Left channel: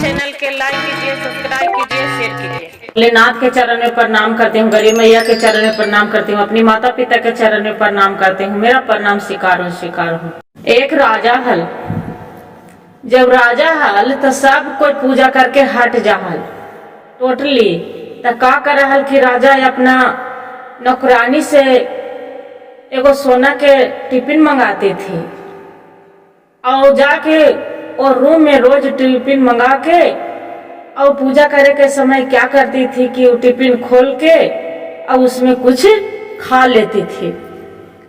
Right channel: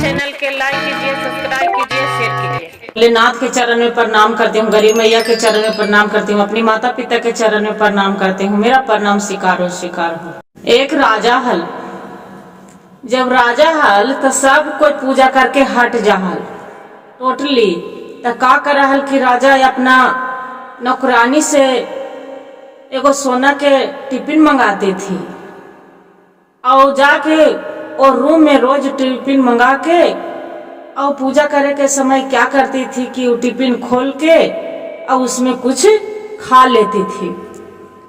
Channel के like कीजिए, subscribe कीजिए, शेयर कीजिए। भोलेनाथ के चरण में प्रणाम करती हूँ, गरीब मैया के चरण में प्रणाम करती हूँ, अपनी माता पिता के चरण में प्रणाम करती हूँ। मेरा प्रणाम स्वीकार हो। एक राजा हल, जब राजा हल तो सब कोई पूजा करके हट जाहल टोटली। तो का कर हल कि राजा अपना नौकरानी से एगो सोना के टिफिन मंगाती थी और जाके और रूम में रोज टिफिन मंगा के और पूजा करे के समय क्या करती थी कि वो टिफिन खोल के और उसमें कुछ खा लेती थी।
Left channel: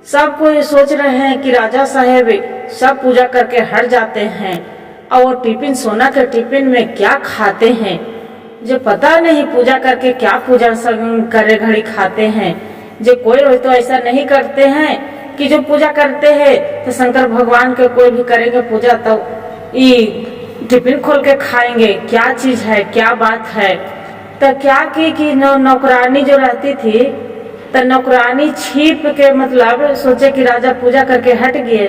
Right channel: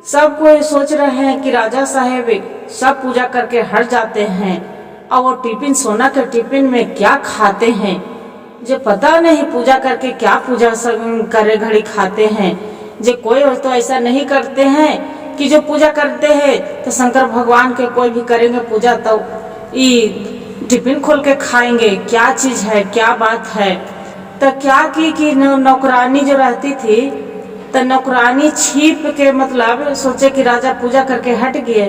सब कोई सोच रहे हैं कि राजा साहेब सब पूजा करके हट जाते हैं और वो टिफिन सोना के टिफिन में क्या खाते हैं, जो पता नहीं पूजा करके क्या पूजा करे घड़ी खाते हैं। जो कोई तो ऐसा नहीं करते हैं कि जो पूजा करते हैं तो शंकर भगवान के कोई भी करेंगे पूजा तो ये टिफिन खोल के खाएंगे, क्या चीज है, क्या बात है। तो क्या की कि नौकरानी जो रहती थी तो नौकरानी छिप के मतलब सोचे कि राजा पूजा करके हट गए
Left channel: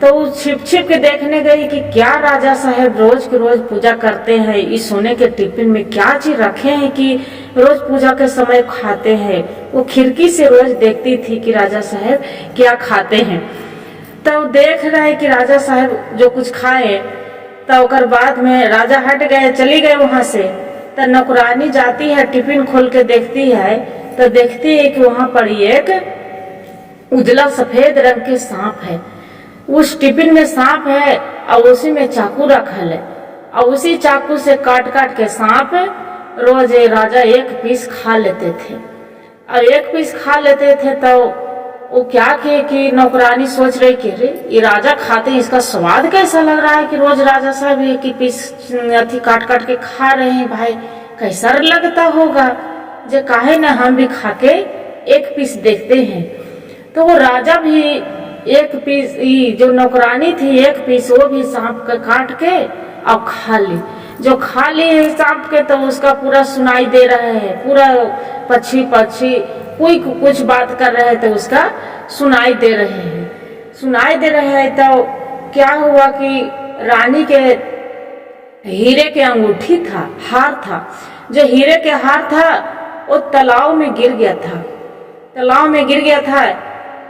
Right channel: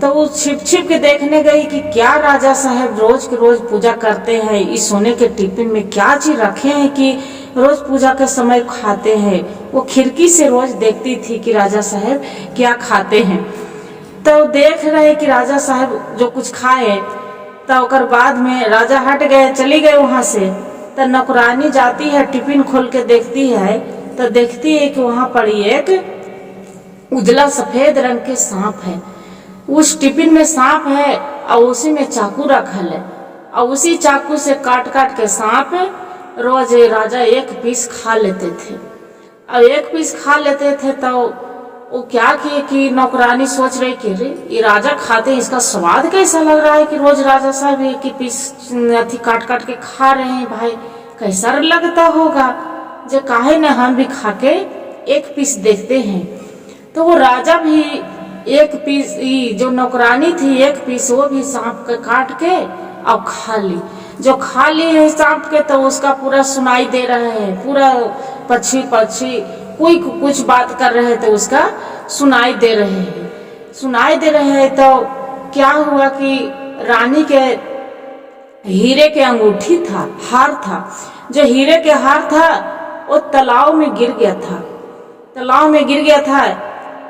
तो वो छिप छिप के देखने गई कि क्या राजा साहब रोज के रोज पूजा करते हैं, इस सोने के टिफिन में क्या चीज रखे हैं कि रोज पूजा के समय खाते हैं। वो खिड़की से रोज देखती थी कि राजा साहब क्या खाते हैं। तो देख रहे कि राजा साहब जो कुछ खाए तो ओकर बाद में राजा हट गए, चली गए वहां से। तो नौकरानी जाती है टिफिन खोल के देखती है तो देखती है कि वहां पर एक उजला सफेद रंग के सांप है। उस टिफिन में सांप है और उसी में चाकू रखल है और उसी चाकू से काट काट के सांप रोज राजा एक पीस खा लेते थे। और एक पीस खा लेते थे तो वो क्या किए कि नौकरानी सोच रही कि रे ये राजा खाते हैं, इसका स्वाद कैसा लग रहा है कि रोज राजा साहब एक ही पीस अथी काट काट के खा रहे हैं, भाई कैसा लगता होगा, जो काहे ना हम भी खा के एक पीस देखते हैं। तो वो राजा भी एक पीस, जो नौकरानी थी एक पीस वो भी सांप का काट के और खा ली। जो खा ली है सांप के तो उसका पूरा सुनाई दे रहा है, पूरा पक्षी कोई कुछ बात कर रहे हैं तो उसका सुनाई दे रहे हैं। तो क्या हुआ कि रानी के हीरे के अंगूठी था, हार था, जो हीरे के हार था वो तालाब में गिर गया था।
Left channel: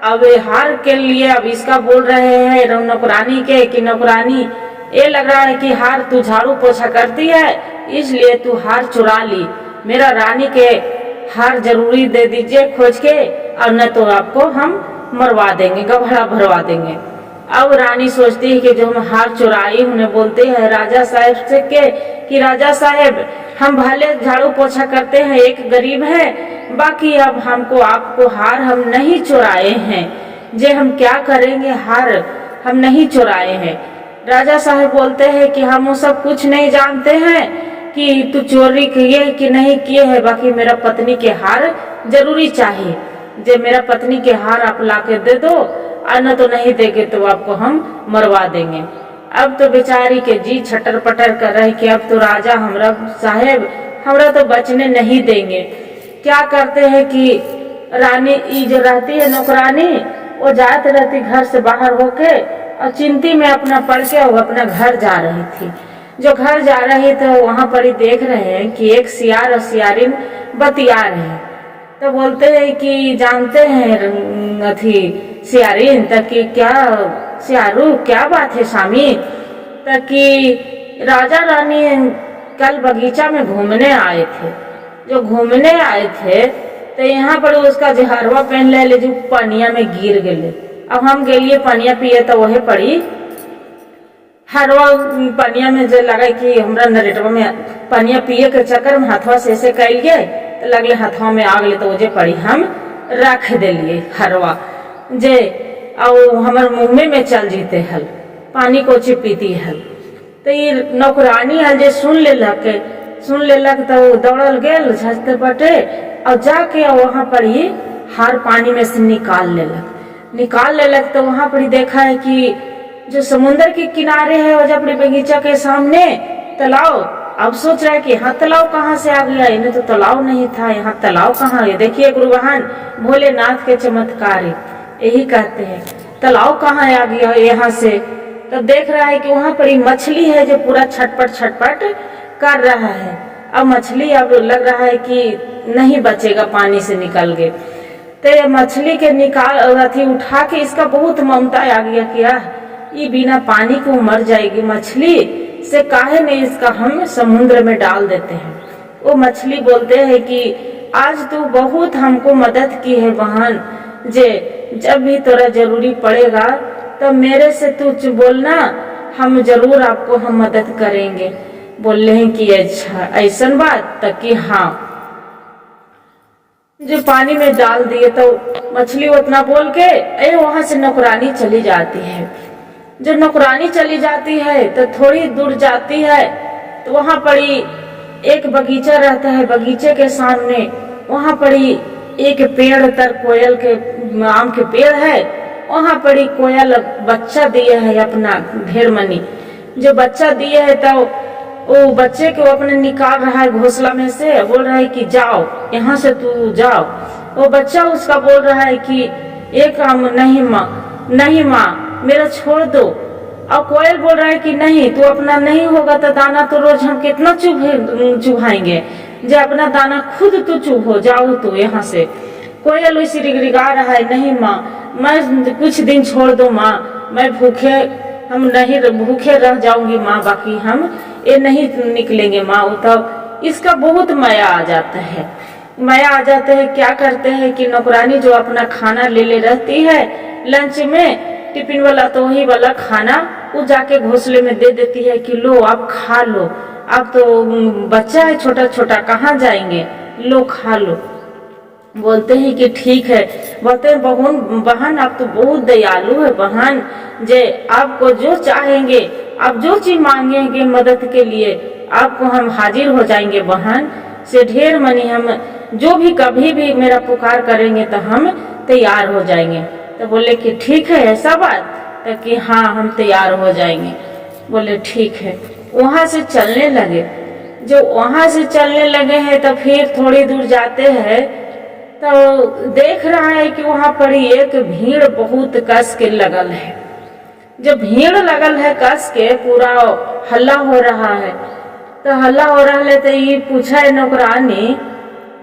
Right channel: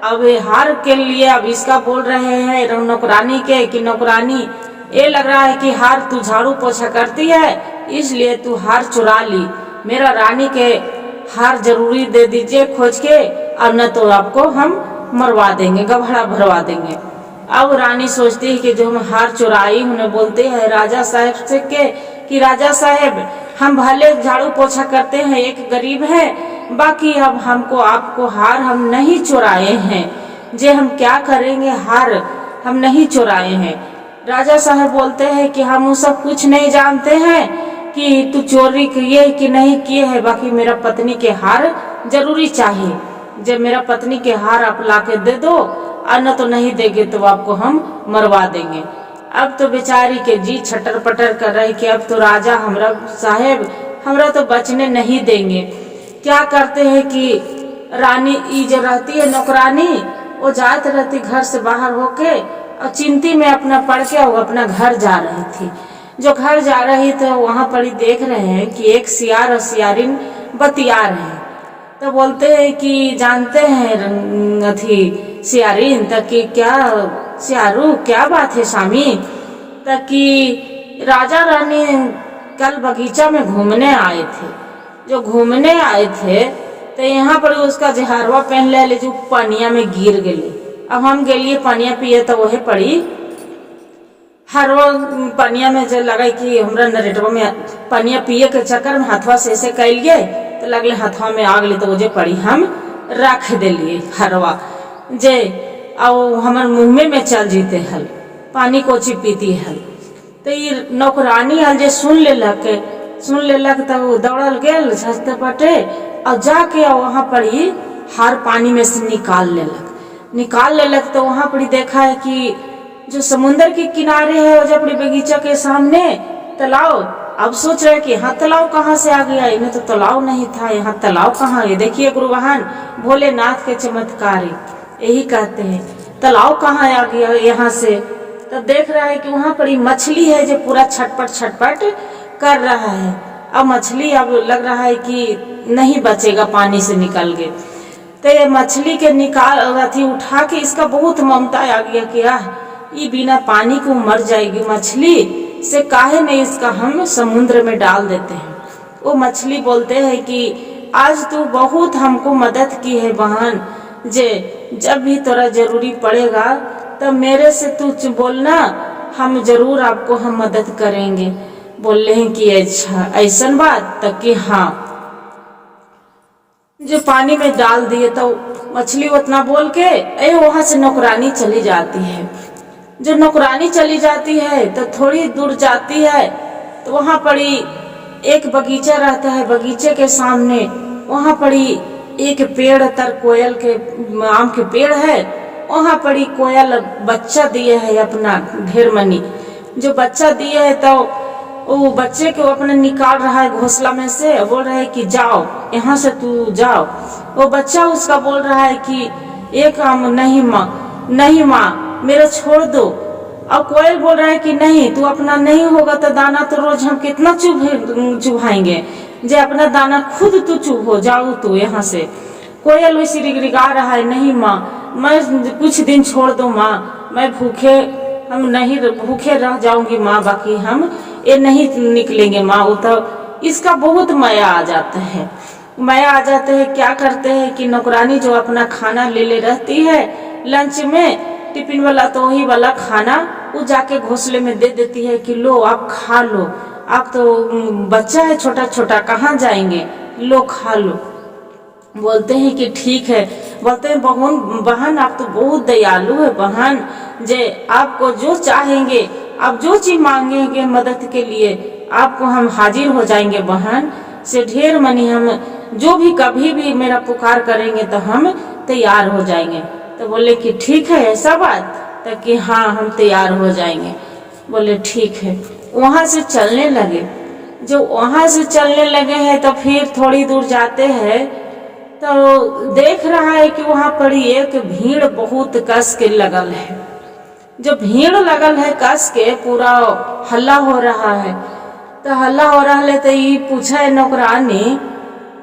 अब हार के लिए अब इसका बोल रहे हैं नौकरानी के कि नौकरानी ये लग रहा है कि हार तू झाड़ू पोछा करती है इसलिए तू हार चुरा ली, मेरा रानी के हार जरूरी दे दीजिए खोज के और न तो आपको हम मरवा देंगे, गभड़ा भरवा देंगे। अब रानी सोचती है कि जो हम हार चुराई, उन्हें बोलते हैं राजा साहब से कि राजा साहब हम भले झाड़ू पोछा करते हैं, एक गरीब है, बाकी अब हमको आपको हार हम नहीं चुराए हैं, जे हम क्या करेंगे, हार हम नहीं चुराए हैं। राजा साहब बोलते हैं कि हम वो सब कुछ नहीं जानते हैं कि तू चोरी किए कि नहीं किए है, बाकी मेरा पत्नी के हार जरूरी चाहिए, जब मेरा पत्नी के हार आप लाके दे दो और न तो नहीं देंगे तो आपको हम मरवा देंगे। अब तो बेचारी के जी छटर पटर कर रहे कि अब तो राजा हमरा साहेब हमरा तो बचने नहीं देंगे। क्या करते हैं कि रानी जो रहती है नौकरानी वो जाती रहती घर से बाहर होके और चिंती में अपना पड़ के वो अपना घर जा रही थी। जो घर जा रही तो वहां पर ही देख रहे हैं कि एक सियार और सियारिन बतिया रहे हैं। तो बोलते हैं कि जानते हैं अथी सियारिन तक कि क्या सियारू क्या बात है स्वामी, तक कि राजा रानी कल बगीचा में घूमने आए थे। जो घूमने आए थे तो यहाँ पर उसका जहरवा पहन ले जो पनिया में गिर गए। अब हम गेलिए पनिया पिए तो वह पड़ी हरवा पनिया में जो लगा कि हमरा नरेटवा में पनिया पिए के चक्कर में हाथवा से ऐसे कैल गए तो लगले हाथवा में आग ले तो जे पड़ी हम रख दिलिए हरवा जे और हमार मुँह में चल जीते हल, पानी कोची पीती हल। तो ये नौकरानी हल जे सुन लेलक तो दौड़ल गेल झसते पटे और जाके वहां पर ही हार पानी में से निकाल लेलक। तो वहां पर देखा है कि जो समुन्द्र के किनारे है वजह अपने बगीचा के सामने तालाब। अब सोच रहे कि यहाँ तालाब कहाँ से आ गया, इन्हें तो तालाब नहीं था, यहाँ तालाब कहाँ है। देखिए गुरुवाहन भोलेनाथ के चमत्कारी यही कहते हैं, तालाब कहाँ आ गया यहाँ से। तब देख रहा है कि वहां पड़ी मछली है जो पूरा छटपट छटपट कर रहा है। अब मछली अब लग रहा है कि नहीं बचेगा पानी से निकल गए, तो ये मछली के निकाल अथी उठा के इसका बहुत ममता आ गया कि ये बिना पानी को मर जाएगी मछली, से काहे नहीं इसका हम समुद्र में डाल देते हैं। वो मछली बोलते हैं कि आज तू बहुत हमको मदद की है बहन, जे जब भी तोरा जरूरी पड़ेगा तब मेरे से तू बोलना, हम जरूर आपको हम मदद करेंगे। बोले हैं कि अच्छा ऐसा बात, तक कि हाँ जो पानी में डाल दिए तो मछली उतना बोल के वहां से नौकरानी चली जाती है। जो नौकरानी चली जाती है तो थोड़ी दूर जाती है तो वहां पड़ी एक बगीचा रहता है, बगीचे के सामने वहां पड़ी एक पेड़ तर कोयल के आम के पेड़ है, वहां पड़ी कोयल बच्चा दिया है अपना ढेर मनी। जो बच्चा दिया है तो वो बच्चे को अपने निकाल रहा है घोंसला में से, बोल रहा है कि जाओ यहाँ से तू जाओ। वो बच्चा उसका बोल रहा है कि एक आम नहीं माँ, नहीं माँ मेरा छोड़ दो। अब कोयल बोल रहा है कि नहीं, तू अपना नहीं होगा तो दाना तो रोज हम कितना चुभाएंगे, जो अपना दाना खुद तू चुभ हो, जाओ तू यहाँ से। कोयल उसी रिगरिगा रहा है, नहीं माँ मैं कुछ दिन छोड़ दो माँ, मैं भूखे रह जाऊंगी माँ, बाकी हम ये नहीं निकलेंगे माँ। वो तो इसका बहुत माया आ जाता है, माया आ जाते हैं। क्या करते हैं कि नौकरानी जो अपना खाना ले रहती है लंच में, टिफिन वाला तो वही वाला खाना वो जाके घोंसले में दे देती है कि लो आप खा लो, आप तो बच्चा है छोटा छोटा कहाँ जाएंगे, लो खा लो। बोलते हैं कि ठीक है। बोलते हैं बहन आप तो बहुत दयालु है बहन, जे आपको जो चाहेंगे, आप जो चीज मांगेंगे मदद के लिए आपको हम हाजिर हो जाएंगे बहन, से ढेर मनी हम जो भी कभी भी मेरा पुकार करेंगे तो हम तैयार हो जाएंगे। तो बोले कि ठीक है ऐसा बात, तो कि हाँ हम तैयार हो जाएंगे। बोले ठीक है। वहां से चलने लगे। जो वहां से चलने लगे हैं तो फिर थोड़ी दूर जाते हैं तो देख रहा है कि वहां पड़ी एक भीड़ बहुत कस के लगल है। जब भीड़ लगल है कस के पूरा हल्ला हो रहा है, तो हल्ला हो रहा है तो ये पूछा है नौकरानी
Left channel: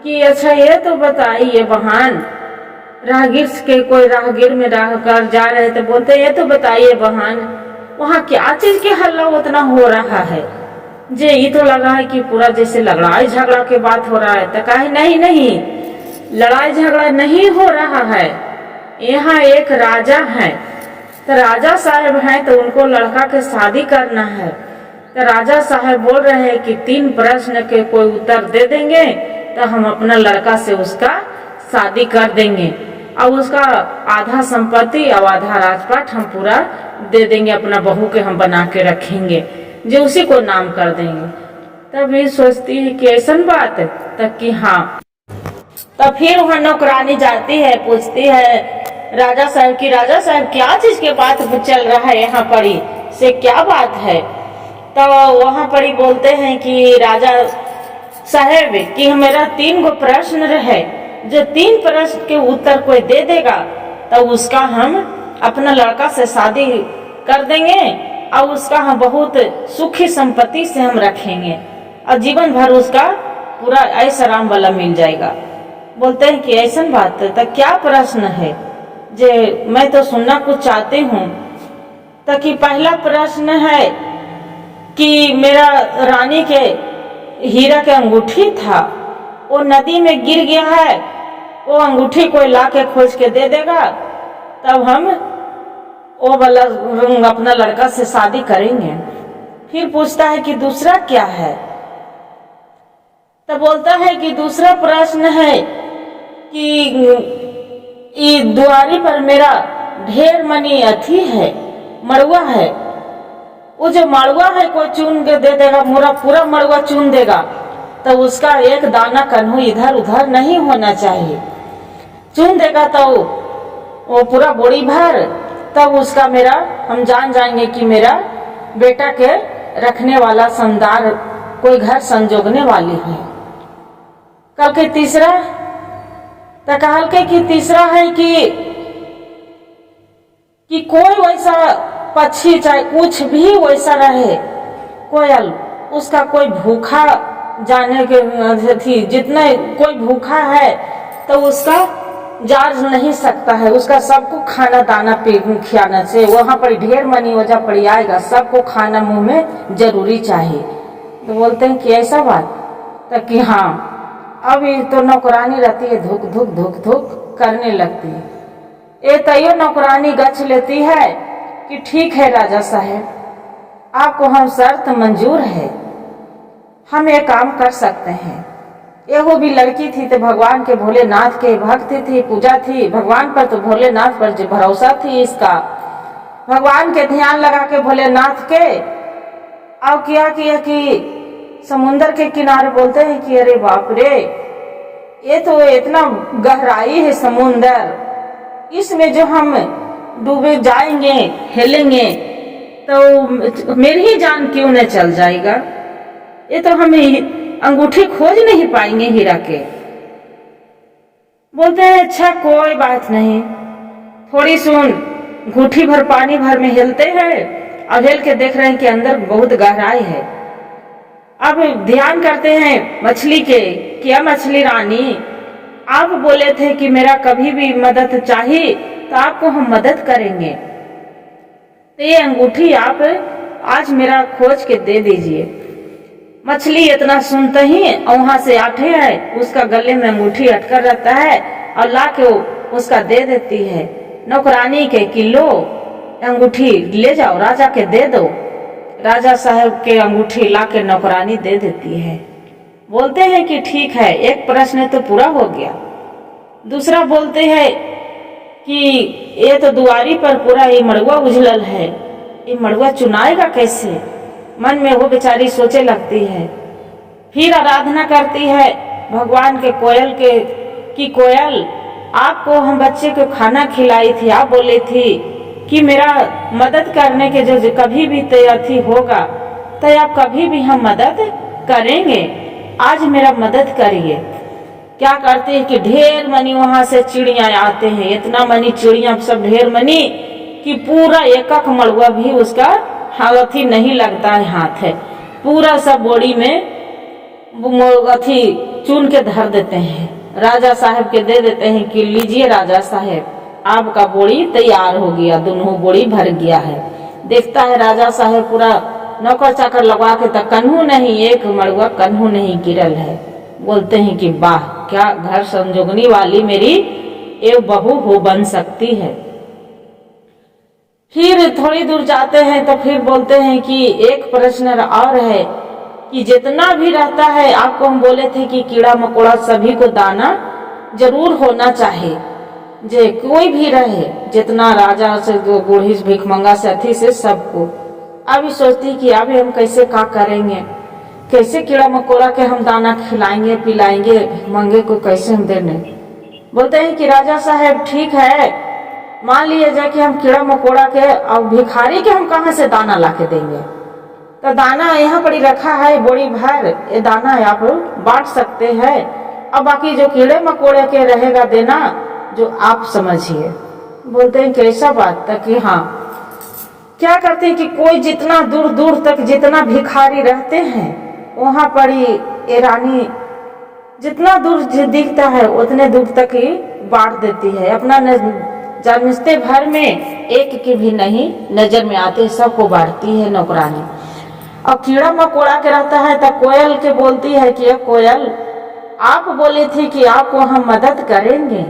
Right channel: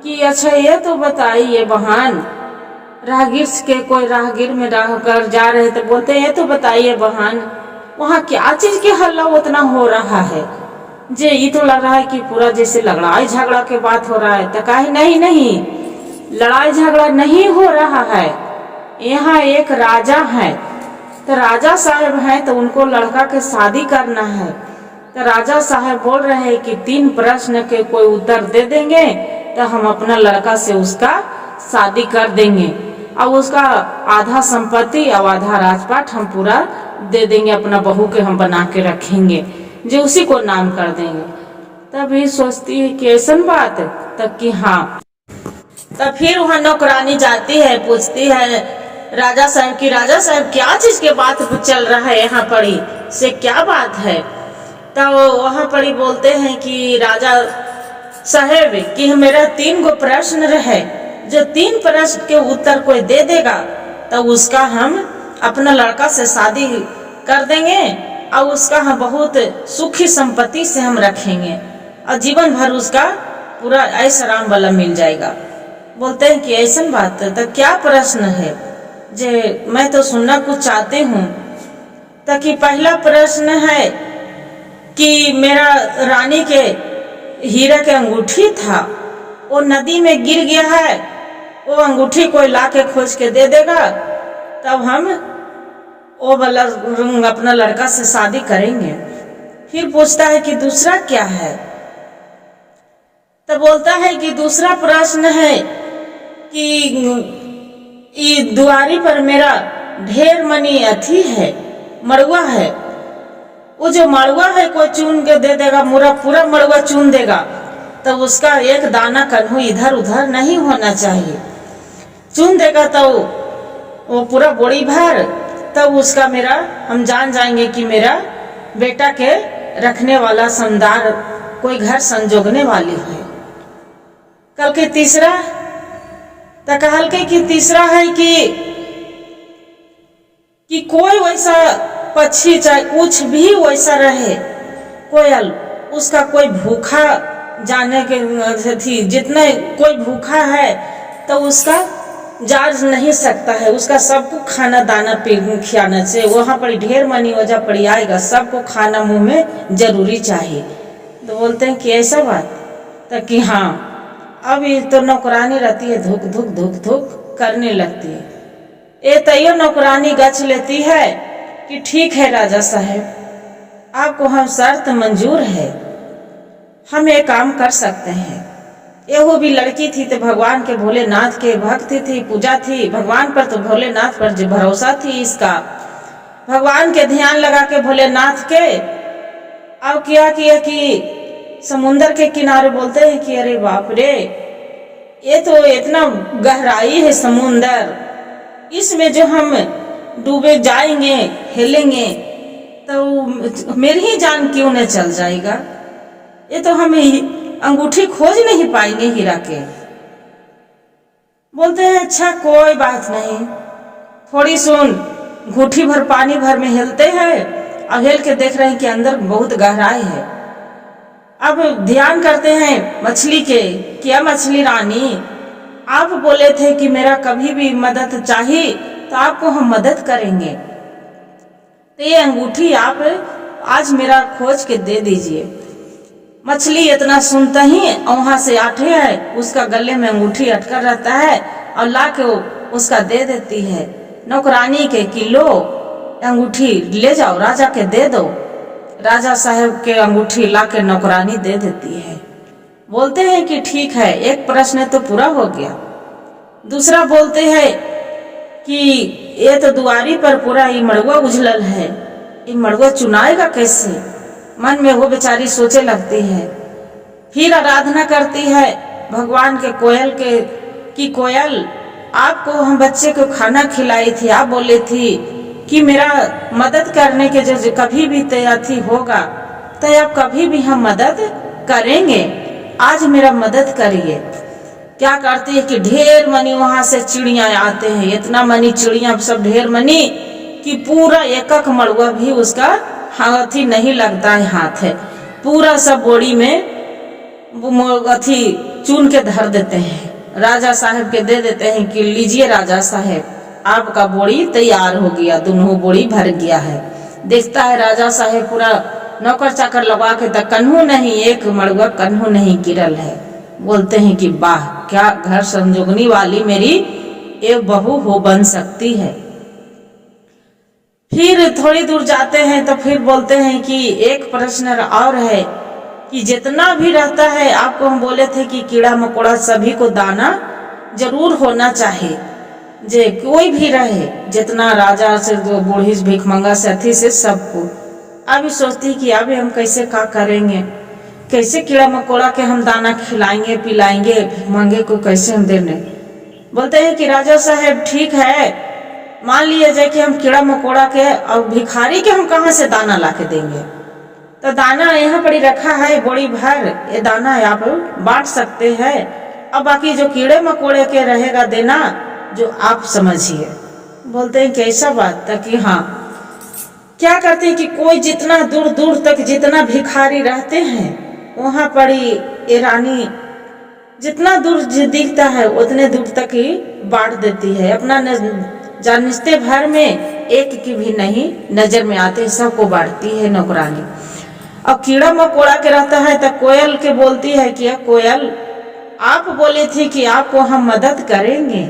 कि अच्छा ये तो बताइए बहन, राहगीर के कोई राहगीर में राह कर जा रहे तो बोलते हैं ये तो बताइए बहन वहाँ क्या चीज के हल्ला उतना हो रहा है, जे ये तो लग रहा है कि पूरा जैसे लड़ाई झगड़ा के बात हो रहा है। तो कहे नहीं लड़ाई झगड़ा नहीं हो रहा है, यहाँ एक राजा है, तो राजा साहब हैं तो उनको लड़का के शादी करना है। तो राजा साहब बोल रहे हैं कि 3 प्रश्न के कोई उत्तर दे देंगे तो हम अपना लड़का से उसका शादी कर देंगे और उसका आधा संपत्ति और आधा राजपाट हम पूरा दे देंगे, अपना बहू के हम बना के रखेंगे, जो उसी को नाम कर देंगे। तभी सोचती है कि ऐसा बात है, तब कि हाँ। तब फिर वहाँ नौकरानी जाती है, पूछती है राजा साहब की राजा साहब क्या चीज के बात चल रहा है यहाँ पड़ी, से क्या बात है। तब वहाँ पड़ी बोलते हैं कि राजा साहब कि मेरा 3 गो प्रश्न रहे, जो 3 प्रश्न के उत्तर कोई दे देगा तो उसका हम अपना लड़का से शादी कर देंगे और उसका हम बहुत सुखी संपत्ति से हम रखेंगे और जीवन भर उसका पूरा ऐश आराम वाला मिल जाएगा। बोलते हैं कि ऐसा बात है, तो क्या प्रश्न है, जे मैं तो सुनना कुछ चाहती हूँ। तो कि पहला प्रश्न है कि मेरा रानी के हीरा के अंगूठी था, वो नदी में गिर गया है, वो अंगूठी कोई ला के खोज के दे देगा तब हम वो वाला अपना लड़का से शादी करेंगे। फिर पूछता है कि दूसरा क्या है, तब बोलता है कि दूसरा प्रश्न है कि दुआरी पर मेरा ढेर मनी अथी है, मड़ुआ है, वो जो मड़ुआ है कोई चुन के दे देगा, पूरा मड़ुआ चुन देगा तो उसका एक दाना कन्हू इधर उधर नहीं होना चाहिए, चुन देगा तो वो पूरा बोरी भर, तब उसका मेरा हम जान जाएंगे कि मेरा बेटा के रखने वाला समदार कोई घर संजोगने वाली है। कल के तीसरा तो कहल के कि तीसरा है कि कोई वैसा पक्षी चाहे कुछ भी वैसा रहे, कोयल, उसका कोई भूखा जाने के थी, जितना कोई भूखा है तो उसका जा नहीं सकता है, उसका सबको खाना दाना खिलाना चाहिए। वहाँ पर ढेर मनी वजह पड़ी आएगा, सबको खाना मुंह में जरूरी चाहिए। तो बोलते हैं कि ऐसा बात, तो कि हाँ अभी तो नौकरानी रहती है, धुक धुक धुक धुक करने लगती है। ये तैयो नौकरानी गच लेती है कि ठीक है राजा साहब, आपको हम शर्त मंजूर है, हम ये काम कर सकते हैं। एहो भी लड़की थी तो भगवान के भोलेनाथ के भक्त थी, पूजा थी भगवान पर, तो भोलेनाथ पर जो भरोसा थी इसका, भगवान के ध्यान लगा के भोलेनाथ के। अब क्या किया कि समुंदर के किनारे, बोलते हैं कि अरे बाप रे, ये तो इतना गहराई है समुंदर, इसमें जो हम डूबे जाएंगे हेलेंगे तो मेरी ही जान क्यों न चल जाएगा, ये तो हम अंगूठी खोज नहीं पाएंगे हीरा के। बोलते हैं अच्छा कोई बात नहीं, थोड़ी सुन, घूठी भर पानी भर में हिलते हैं, अब हिल के देख रहे हैं कि अंदर बहुत गहराई है। अब ध्यान करते हैं मछली के, क्या मछली रानी, आप बोले थे कि मेरा कभी भी मदद चाहिए तो आपको हम मदद करेंगे, तो ये अंगूठी आप आज मेरा खोज के दे दीजिए। मछली इतना सुनते ही वहां से आठे है, उसका गले में अंगूठी अटकर रहता है और ला के उसका दे देती है नौकरानी के कि लो अंगूठी ले जाओ, राजा के दे दो। राजा साहब के अंगूठी ला के नौकरानी दे देती है। बोलते हैं कि ठीक है, एक प्रश्न तो पूरा हो गया। दूसरा बोलते हैं कि ये तो दुआरी पर पूरा ये मड़ुआ उजलल है, ये मड़ुआ चुनाएगा कैसे, मन में वो बेचारी सोचे लगती है। फिर आराधना करती है भगवान के कोयल के कि कोयल, आपको हम बच्चे को खाना खिलाई थी, आप बोले थी कि मेरा मदद करने के जो कभी भी तैयारी होगा तो आप कभी भी हम मदद करेंगे, आज मेरा मदद करिए। क्या करते हैं कि ढेर मनी वहां से चिड़िया आते हैं, इतना मनी चिड़िया सब ढेर मनी कि पूरा एक एक मड़ुआ भी उसका हाथी नहीं लगता है, हाथ है पूरा सब बोड़ी में अथी चुन के धर देते हैं, राजा साहब के दे देते हैं कि लीजिए राजा साहब, आपका बोड़ी तैयार हो गया, दोनों बोड़ी भर गया है। देखता है राजा साहब पूरा नौकर चाकर लगा के, तो कन्हू नहीं, एक मड़ुआ कन्हू नहीं गिरल है। बोलते हैं कि वाह, क्या घर संजोगनी वाली मेरी एक बहू हो बन सकती है। फिर थोड़ी दूर जाते हैं तो फिर बोलते हैं कि एक प्रश्न और है कि जितना भी रहता है, आपको हम बोले थे कि कीड़ा मकोड़ा सभी को दाना जरूर होना चाहिए, जे कोई भी रहे, जितना राजा से बूढ़ी भिखमंगा से अथी से सबको। अभी सोचती कि अभी हम कैसे क्या करेंगे, कैसे कीड़ा मकोड़ा के हम दाना खिलाएंगे पिलाएंगे, भिखमंगे को कैसे हम देने। बोलते हैं कि राजा साहब ठीक है, मान लिए जाए कि हम कीड़ा मकोड़ा के और भिखारी के हम कहाँ से दाना ला के देंगे, तो दाना यहाँ पर ही रखा है बोरी भर, ये दाना है आप बांट सकते हैं, अब बाकी जो कीड़े मकोड़े के रहेगा देना जो आप समझिए। बोलते हैं कैसा बात था कि हाँ, क्या करते हैं कि कोई जितना दूर दूर तक जितना भिखारी रहते हैं वहां पर ही ये रानी जितना दूर दिखता है उतने दूर तक ही बांट देती है, अपना जानते भर में एक की भी नहीं नजर में आते, सबको बांटती है नौकरानी। और कीड़ा मकोड़ा के रहता है तो कोयल के बोलती है कि कोयल, आप बोले थे कि आपको हम मदद करेंगे,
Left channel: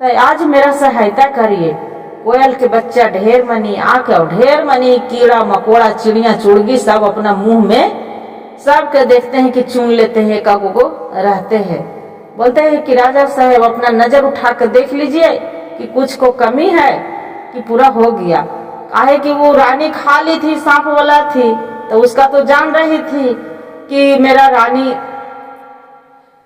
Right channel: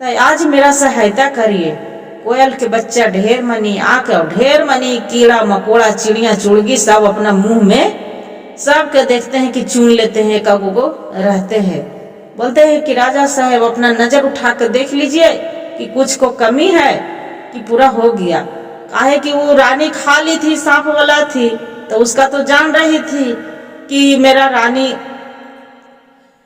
तो आज मेरा सहायता करिए। कोयल के बच्चा ढेर मनी आकर ढेर मनी कीड़ा मकोड़ा चिड़िया चुड़गी सब अपना मुंह में सबके देखते हैं कि चुन लेते हैं, एक को रहते हैं। बोलते हैं कि राजा साहब अपना नजर उठा कर देख लीजिए कि कुछ को कमी है कि पूरा हो गया। काहे कि वो रानी खा ली थी, सांप वाला थी, तो उसका तो जान रही थी कि मेरा रानी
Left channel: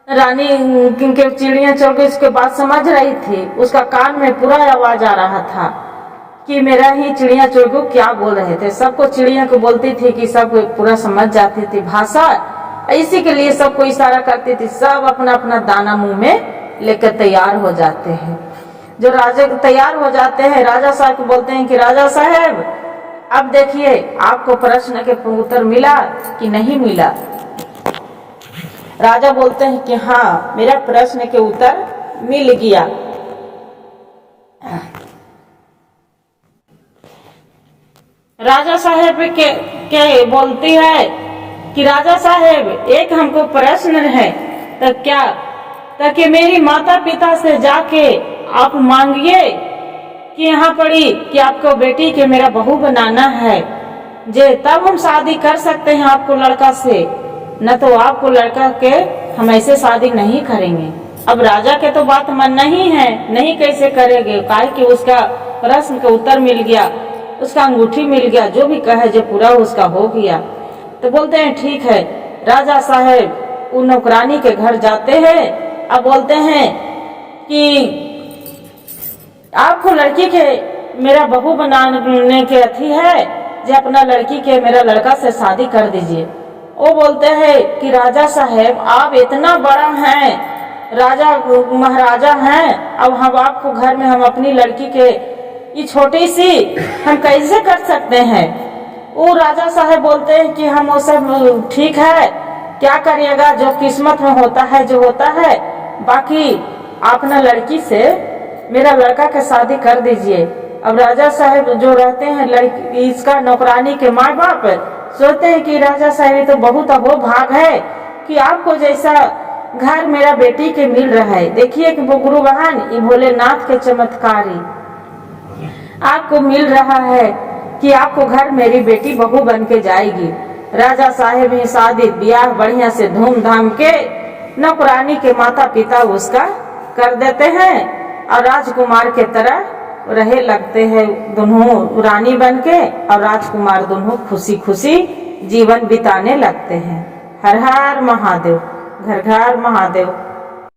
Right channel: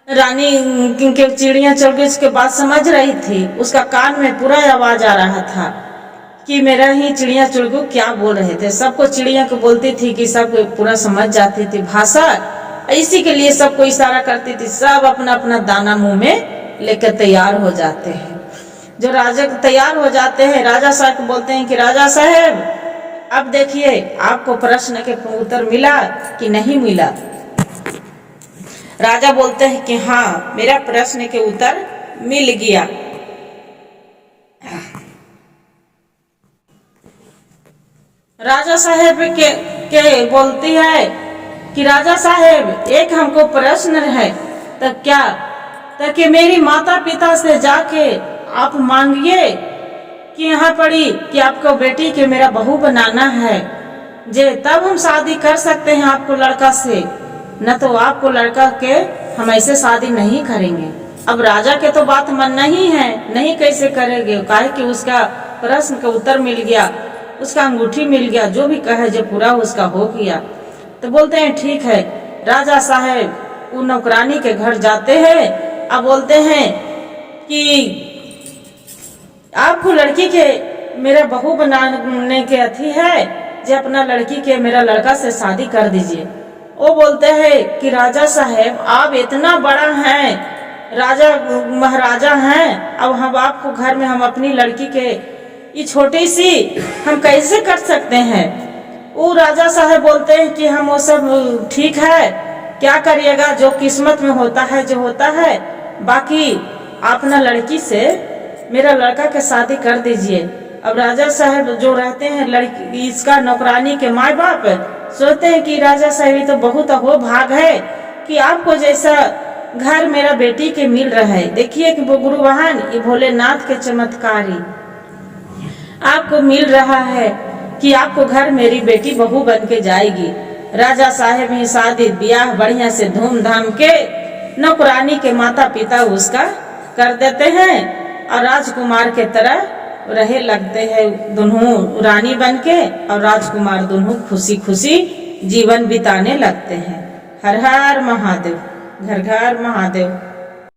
के चिड़िया चल गई, उसके बाद समझ रही थी, उसका कान में पूरा आवाज आ रहा था कि मेरा ही चिड़िया चुड़गू क्या बोल रहे थे। सबको चिड़िया को बोलती थी कि सब पूरा समझ जाती थी भाषा, इसी के लिए सबको इशारा करती थी। सब अपना अपना दाना मुंह में लेकर तैयार हो जाते हैं। जो राजा तैयार हो जाते हैं, राजा साहब को बोलते हैं कि राजा साहब अब देखिए आपको प्रश्न के उत्तर मिला कि नहीं मिला। राजा बोलते हैं कि हाँ, मेरा प्रश्न के उत्तर मिल गया। राजा साहेब के बोलती है कि राजा साहेब, एक हमको प्रश्न है, तब क्या? ताकि मेरी माता पिता से जाके आप मांगिए कि यहाँ पड़ी कि आपको बेटी के मेरा बहू बनाना है, जे तब हम शादी कर सकते हैं आपको लड़का से, न तो आपको लड़का के हम ऐसे शादी नहीं करेंगे। अब राजा के तो बात मानना ही है, नहीं कैसे करेंगे, काहे कि उसका प्रश्न का उत्तर मिल गया, उसका अंगूठी मिल गया, जो भी कहे जो पूरा उसका हो गया। तो बोलते हैं ठीक है। राजा साहेब उन नौकरानी के घर जाते हैं। अब बोलते हैं कि आपको लड़की के मेरा बहू बनाने के अथी है, जो अपना लड़की के मेरा लड़का से शादी कर दीजिए। वो बोलते हैं कि राजा साहेब, आप इतना बड़ा हैं, राजा महाराजा हैं, अब हम आपको घर में हम अपनी लड़की के ये छोटी सी हम कैसे कर सकते हैं? वो राजा साहब बोलते हैं कि हम वो सब ठीक है, क्या करिएगा, जो किस्मत में होता है जो होता है, बाकी अपना लड़की से मेरा लड़का के शादी कर दीजिए। अब राजा साहब जो रहते हैं लड़की इसका नौकरानी के माँ बाप सोचते हैं कि राजा साहब ये तो बहुत हो भाग है कि आपको जैसा घर मेरा बेटी के मिल रहा है। देखिए कि वो गुरु बहन ये भोलेनाथ के चमत्कारी आपको मिल रहा है कि आपको घर मेरी बेटी बहू बन के जाएगी। राजा साहेब ही शादी ब्याह बढ़िया से धूमधाम के नौकरानी के माता पिता उसका कर देते हैं और राजकुमार के तरह रहे लगते हैं, दोनों रानी बन के और राजकुमार दोनों खुशी खुशी जीवन बिताने लगते हैं। हर हर महादेव, घर घर महादेव।